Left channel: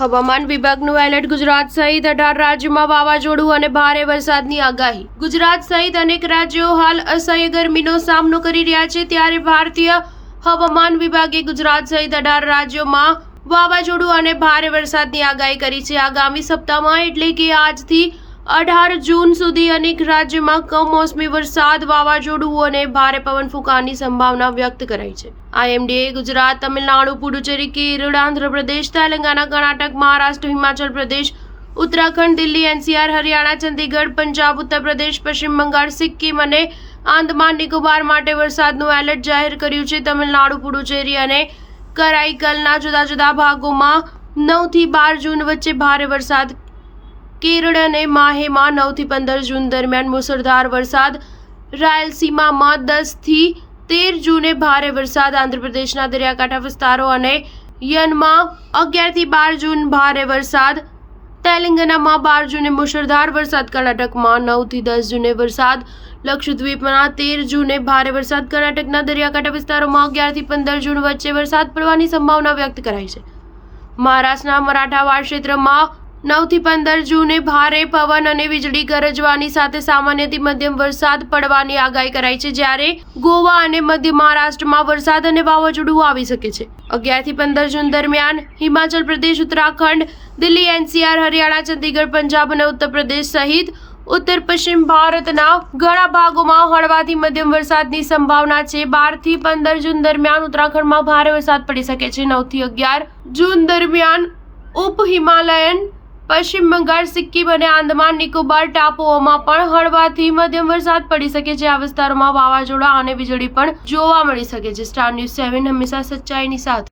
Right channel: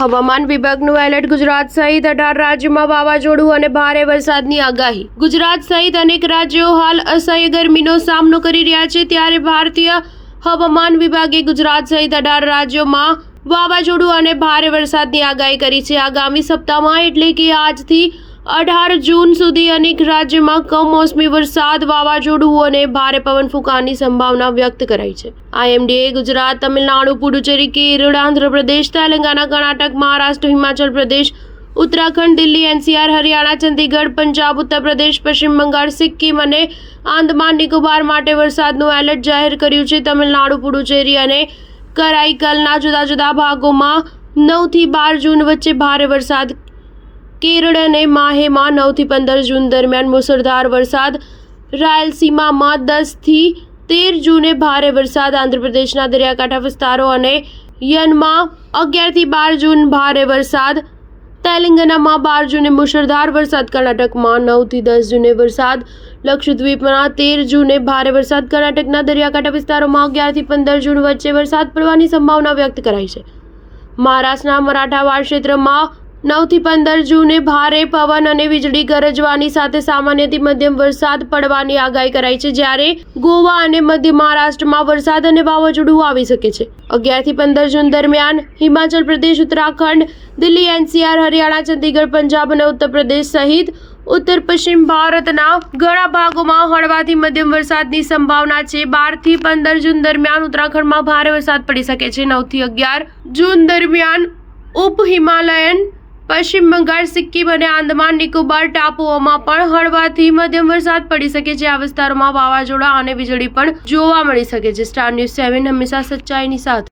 હવામાન વિભાગનું એલર્ટ. ગુજરાત સહિત 18 રાજ્યોમાં વાવાઝોડું અને ભારે વરસાદની આગાહી. ગુજરાત સહિત અનેક રાજ્યો હાલ અસહ્ય ગરમીનો સામનો કરી રહ્યા છે, ત્યારે ભારતીય હવામાન વિભાગે ગુજરાત સહિત 18 રાજ્યોમાં વાવાઝોડું અને ભારે વરસાદની આગાહી કરી છે. આગામી સપ્તાહમાં એટલે કે આજથી 18 જૂન સુધી અનેક રાજ્યોમાં કમોસમી વરસાદ, વાવાઝોડું અને ભારે પવન ફૂંકાવાની સંભાવના વ્યક્ત કરાઈ છે. આઈએમડીએ ગુજરાત, તમિલનાડુ, પુડુચેરી, કેરળ, આંધ્રપ્રદેશ, તેલંગાના, કર્ણાટક, મહારાષ્ટ્ર, હિમાચલ પ્રદેશ, ઉત્તરાખંડ, દિલ્હી, એનસીઆર, હરિયાણા, ચંદીગઢ, પંજાબ, ઉત્તર પ્રદેશ, પશ્ચિમ બંગાળ, સિક્કિમ અને આંદમાન નિકોબાર માટે વરસાદનું એલર્ટ જાહેર કર્યું છે. તમિલનાડુ, પુડુચેરી અને કરાઈકલના જુદા જુદા ભાગોમાં 9 થી 12 જૂન વચ્ચે ભારે વરસાદ, કેરળ અને માહેમાં 9 થી 15 જૂન દરમિયાન મુસળધાર વરસાદ, રાયલસીમામાં 10 થી 13 જૂને ભારે વરસાદ, આંધ્રપ્રદેશના દરિયાકાંઠા વિસ્તારો અને યનમાં 11 થી 12 જૂન ભારે વરસાદ, તેલંગાનામાં 12 જૂને મુસળધાર વરસાદ, કર્ણાટકમાં 9 થી 10 જૂને વરસાદ, લક્ષદ્વીપમાં 13 જૂને ભારે વરસાદ, કર્ણાટકના દરિયાકાંઠા વિસ્તારોમાં 11 થી 15 જૂન વચ્ચે વરસાદ પડવાની સંભાવના વ્યક્ત કરાઈ છે. મહારાષ્ટ્રના મરાઠાવાડ ક્ષેત્રમાં 9 થી 15 જૂને ભારે પવન અને વીજળી ગરજવાની સાથે સામાન્યથી મધ્યમ વરસાદ પડવાની આગાહી કરાઈ છે, જ્યારે ગોવા અને મધ્ય મહારાષ્ટ્રમાં વરસાદ અને વાવાઝોડું આવી શકે છે. 11 થી 15 જૂન દરમિયાન હિમાચલ પ્રદેશ, ઉત્તરાખંડ, દિલ્હી, એનસીઆર, હરિયાણા, ચંદીગઢ, પંજાબ અને ઉત્તર પ્રદેશ સહિત ઉત્તર પશ્ચિમ ભારતના ઘણા ભાગોમાં હળવાથી મધ્યમ વરસાદની સંભાવના છે. 12 થી 15 જૂન દરમિયાન ઉત્તરાખંડમાં ભારે વરસાદ પડી શકે છે. 9 થી 11 જૂન દરમિયાન ઉપ હિમાલયન, પશ્ચિમ બંગાળ, સિક્કિમ અને આંદમાન નિકોબાર ટાપુઓમાં પણ હળવાથી મધ્યમ વરસાદ પડી શકે છે. આ વિસ્તારોમાં વાવાઝોડા અને વીજળી પણ જોવા મળી શકે છે. સ્ટાર ન્યૂઝ 7 હંમેશા સચ્ચાઈની સાથે.